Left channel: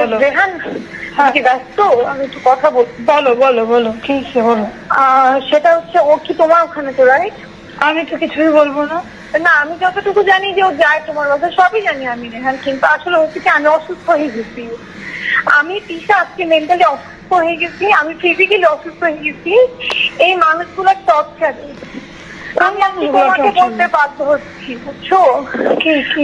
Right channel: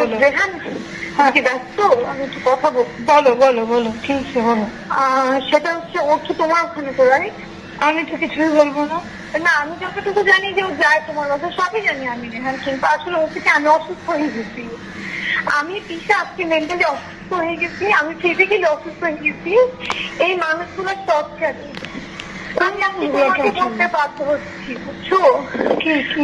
বলো। রেহান কি ব্যস্ত? আমি একটু কথা বলছি। বলো বলো বলো, কি হচ্ছে বলো। সেটা হচ্ছে, ও কি তোমার ওখানে তো, রাইট? আমি তো কিছুই বলবো না। না, আমি যতটুকু জানি যে ও যায় তোমার বাসায়, সবই জানি আমি রেহান, কিন্তু আসলে হচ্ছে কি, আমি অসুস্থ হয়ে গেছি। আমি তিশা আজকে মেন্টালি অসুস্থ হয়ে গেছি, আমি ফিজিক্যালি অসুস্থ হয়ে গেছি এই মানুষগুলোর টর্চারে। আমি আজকে তোমাকে বলতে বাধ্য হচ্ছি, বুঝছো?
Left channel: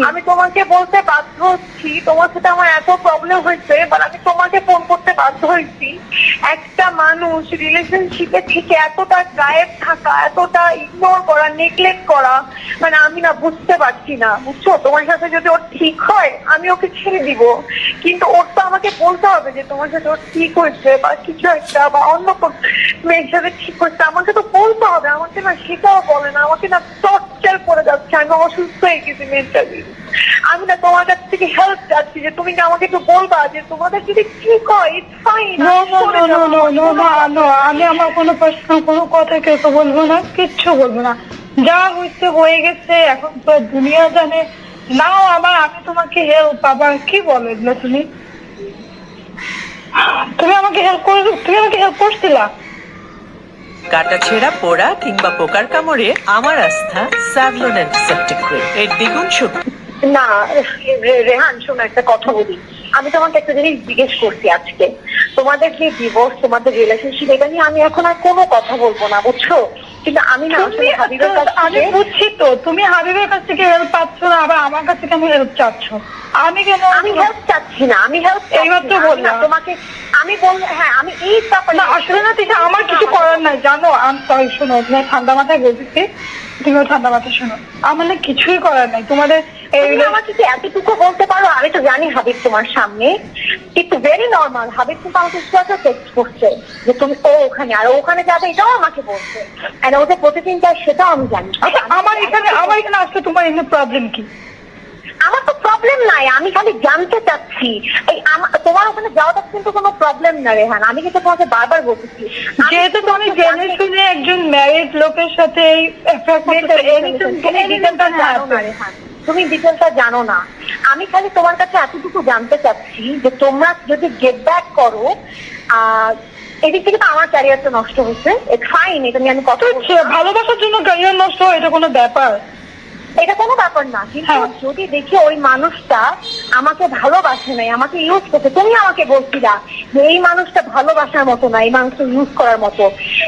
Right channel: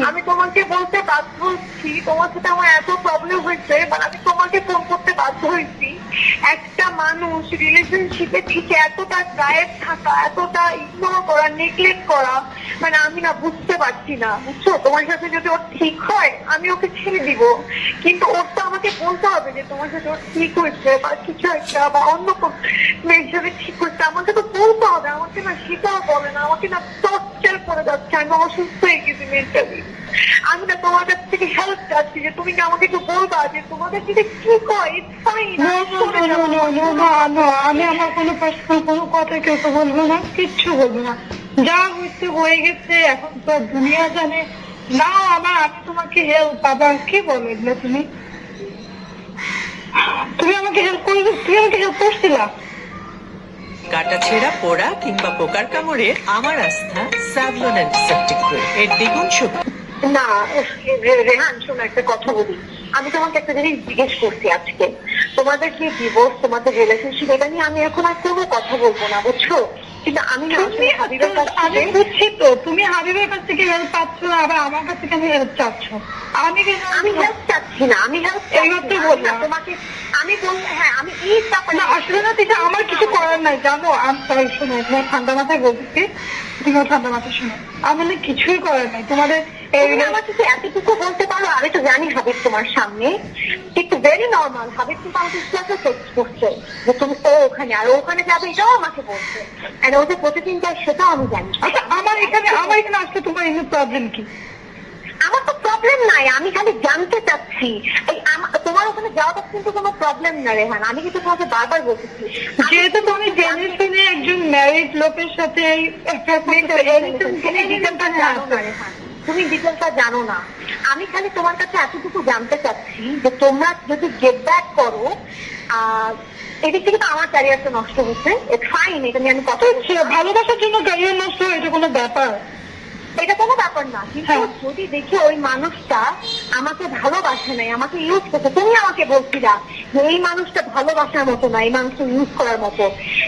আমি তোমাকে বলতে বাধ্য হচ্ছি, তোমার সাথে আমার এত প্রবলেম হয়েছে, বাট আমি তোমাকে ফোন করতে বাধ্য হয়েছি। একটা মানুষ রিলেশনশিপে থেকে এতটা গায়েব থাকা, এতটা ইগনোর করা, নেগলেক্ট করা, মানে আমি না বুঝতে পারছি না, বুঝছো? তোমার সাথে যদি ওর ঠিক হয় আমি ওকে ছেড়ে দিব, কিন্তু ওর তো আমাকে বলতে হবে যে তোমার সাথে ওর ঠিক হয়েছে বা কিছু একটা, বা অন্য মেয়ের সাথে ঠিক হয়েছে, আমাকে তো বলতে হবে। আমাকে না সেটাও বলে না, আমাকে না টর্চার করে যাচ্ছে, আমি অসুস্থ হয়ে গেছি মেন্টালি। আমি না তোমার কাছ থেকে হেল্প চাচ্ছি যে তুমি কি আমাকে একটু বলবা যে তোমাদের যদি ঠিক হয়, ইটস ফাইন। আমি আমার কোনো পার্সোনাল কোনো কথা কেউ বলবো না, কিচ্ছু বলবো না। যা হয়েছে হয়ে গেছে, এখন তো দুনিয়া জানে। নাও আবার আমি তোমাকে হেল্প, আবার কি বলো এগুলো তুমি? তুমি আমাকে হেল্প করে, তুমি আমাকে হেল্প করছিলা? কাটা ছেঁড়া পোড়া কিংবা পোকার কামড়ে আমার আস্থা স্যাভলন অ্যান্টিসেপটিক ক্রিম, এর দ্বিগুণ শক্তি। না রেহান, শোনো একটা কথা বলি। আমি তোমাকে একটা জিনিস জিজ্ঞেস করছি আজকে, তোমাদের যে ডিভোর্স, তোমাদের রিলেশনশিপ, এটা নিয়ে আমি এখন আর কোনো কথা বলবো না, বুঝছো? কিন্তু আমি না আসলে হাবিবের কাছ থেকে, আমি বুঝছি তো তুমি হাবিবের কাছ থেকে হেল্প পাচ্ছ না, আবার আমার কাছ থেকে আমি হেল্প চাচ্ছ। আমি কেন? আমি হেল্প চাচ্ছি না, আমি হেল্প এইমাত্র বললাম তোমাকে। আমি বললাম হ্যাঁ, আমি এই ব্যাপারে না, আসলে না ঠিক আমার কিছু করার নাই, জানো। আমি সরি, শোনো, তুমি ঠান্ডা মাথায় বলতেছি, তুমিও ঠান্ডা মাথায় শোনো। আমার না কিছুই করার নাই তোমাদের। আমাকে কি এতটুকু বলতে পারো? আমি তো জানি হাবিব তোমার সামনে একটু ভেরি নর্মাল। হাবিব কিন্তু আমাকে টেক্সট করছে যে তুমি ওখানে, আর ওখানে যাবে, এটাও আমাকে বলছে। আর ও যে প্রতিদিন যায় সেটাও আমি জানি। আমার এখানে আসলে তোমার এমনি প্রবলেম কি? আমার তো প্রবলেম নাই, আমি খালি জানতে চাচ্ছি। তোমার ওখানে যাওয়াটা কিন্তু কোনো প্রবলেম না রেহান, আমি কিন্তু তোমাকে বারবার বলতেছি। যেহেতু তুমি জেনে শুনে একজন ম্যারিড লোকের সাথে তুমি ডিটেলটা জানো না। আমি খালি তোমার কাছে এতটুকু জানতে চাচ্ছি যে তোমরা যদি গেট ব্যাক করো, এদিক থেকে তো আমার ক্যারিয়ারটা নষ্ট হচ্ছে, ফাইন, এটা নিয়ে আমি কথা বলছি। ভালোবাসার জন্য ক্যারিয়ার নষ্ট হয়, এটা কোনো ব্যাপার? এটা কোনো ব্যাপার না, কিন্তু যদি দেখি ওই মানুষটা আমাকে ভালোবাসে নাই, আমাকে ইউজ করছে, তুমি আমাকে বলছিলা যে এই মানুষটা ভালোবাসার মতো না, এই মানুষটা ইউজ করার মতো।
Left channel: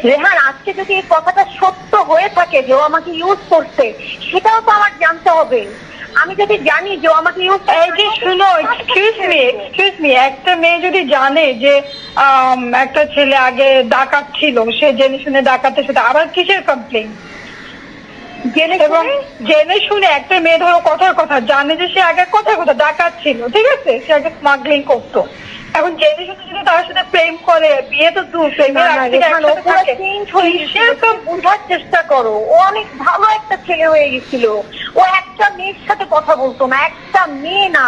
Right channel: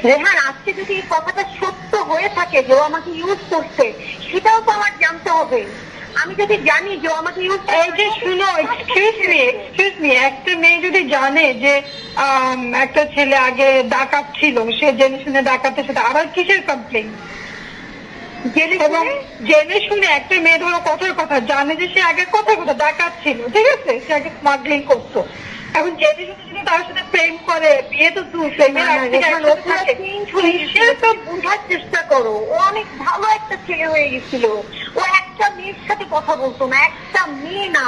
রেহান, আজকে যদি এই কথাটা সত্য হয়ে থাকে যে ও আমাকে ইউজ করছে, সেটাও তো আমার জানতে হবে। আমি যদি জানি যে ও আমাকে ইউজ, এই যে শুনো, এক্সকিউজ মি, একটা মেয়ে যদি জানে যে একটা ছেলে আগে ডাকাত ছিল, সে জেনে শুনে ডাকাতের সাথে, আবার কিসের কমপ্লেন? এবং জেনে শুনে একটা মেয়ে, ধরো কথার কথা জানে যে সে আগে কথা ডাকাত ছিল, ঠিক আছে, সে আগে স্মাগলিং করতো, এখন জেনে শুনে যদি তার সাথে প্রেম করে, বিয়ে তো দূর, বোঝার চেষ্টা করো। ও অনেক ভালো একটা ছেলে হয়ে গেছিল, ও একটা মেয়ের সাথে কথা বলতো না, একটা মেয়ে না।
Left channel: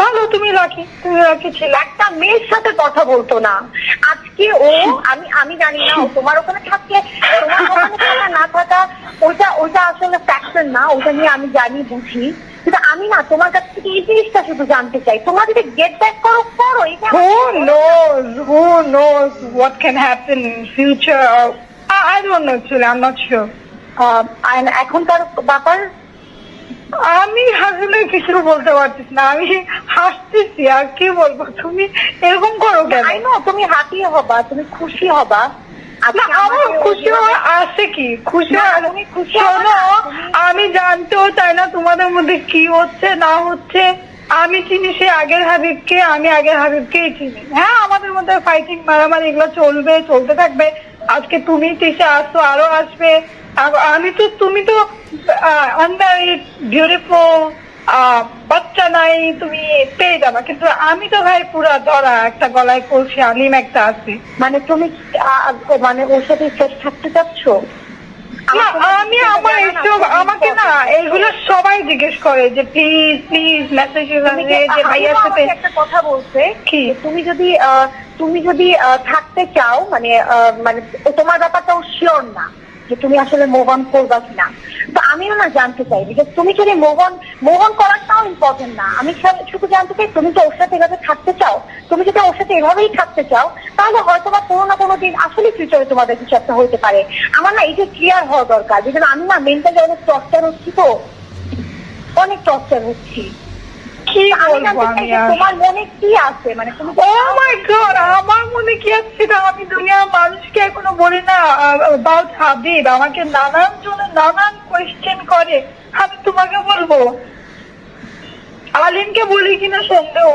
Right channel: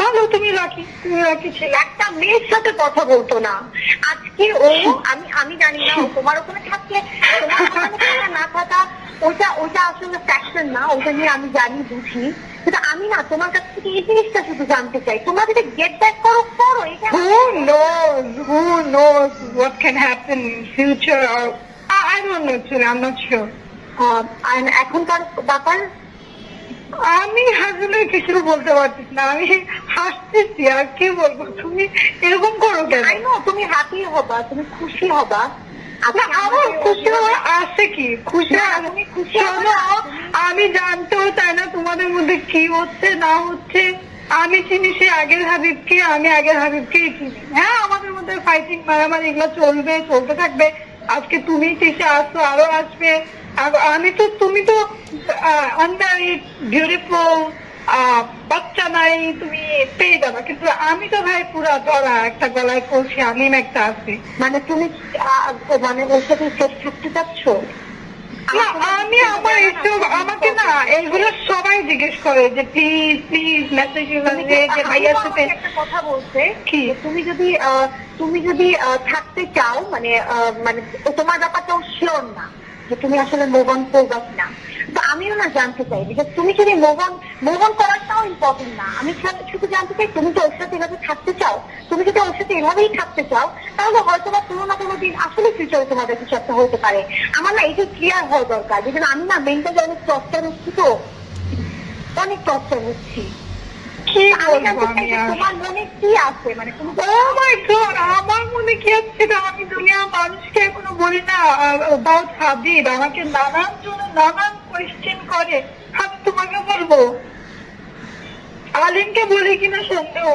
ভালো, তুমি রাখি ছিল, একটা মেয়ের সাথে কথা বলতো না। আজকে ও, আমি জানি না, ও তোমার ওখানে থাকলে, তোমার ওখানে থাকা না থাকা ওইটা আসলে ফ্যাক্টর না, ওটা নিয়ে আমি জানি, বুঝি। কিন্তু আমি না তোমার কাছ থেকে এই জিনিসটা শুধু জানতে চাই, তোমরা যদি গেট ব্যাক করো। Who knows what can happen in future? I don't know actually, I'm not sure. এখনকার ব্যাপার আমি আসলে কিছু বলতে পারছিস না, আমি হাসতেছি, আর কি বলবো। তুমি এরকম করো কেন? তুমি হ্যাপি হবা, তুমি খুশি হবা। আমার খুশি হওয়ার আছে কি? শোনো, আমি জানতেও চাই না তোমাদের মধ্যে কি হচ্ছে না হচ্ছে। আমি চিনি সে আগের হাবিবকে, আমি আগের হাবিবকেই চিনি। হ্যাঁ, আমাদের মধ্যে ফাইটিং, মারামারি এগুলো চলতে থাকবে। আজকে তুমি তিসে আসছো, আরো আসবে। তুমি তো আনম্যারিড, বিউটিফুল, বাচ্চা নাই, তুমি পেয়ে যাবা। কিন্তু আমি তো ভাই পুরা ধরা, একটা গলায় কলসি, আলিম একটা আছে। মানে তুমি ওর সাথে সেট থাকতে চাচ্ছ? আমি আমার এইসব, আমাকে না এগুলো সবাই জিজ্ঞেস করে যে প্লিজ মেসেজ যে ভাইয়ার সাথে একটা কথা বলছে কি, তুমি যদি থাকতে চাও, মানে তোমার ব্যাপারটাও শিওর না, যে তুমি আসলে মুভ অন করবা কিনা। তো আমিও না জানতে চাই, বিকজ তুমি যদি মুভ অন করাটাও ইম্পর্টেন্ট না, আমি শুধু জানতে চাই তুমি তো ওর সাথে এভাবে থাকতে চাও। তুমি যদি ওর সাথে এভাবেই থাকতে চাও তাহলে হয়তো বা কোনো না কোনো দিন আসলে ফিউচারে তোমাদের কিছু একটা হইতে পারে। আমার না এটা ক্লিয়ার হওয়া দরকার, বিকজ আমি না মেন্টালি অনেক টর্চার হচ্ছি, তো অনেক টর্চার হচ্ছি। কি আমি বলবো জানতে চাই আমি যে আর? তোমার মনে কি আছে, মানে তুমি ও মাই গড, আমার মনে কি আছে সেটা আমি দুনিয়ার মানুষকে এখনো বলি না। অ্যাবাউট হাবিব আমাকে নানান জনে নানান কোয়েশ্চেন করে, আমি তোমাকে বলবো? আলিনকে বলি কিনা সন্দেহ।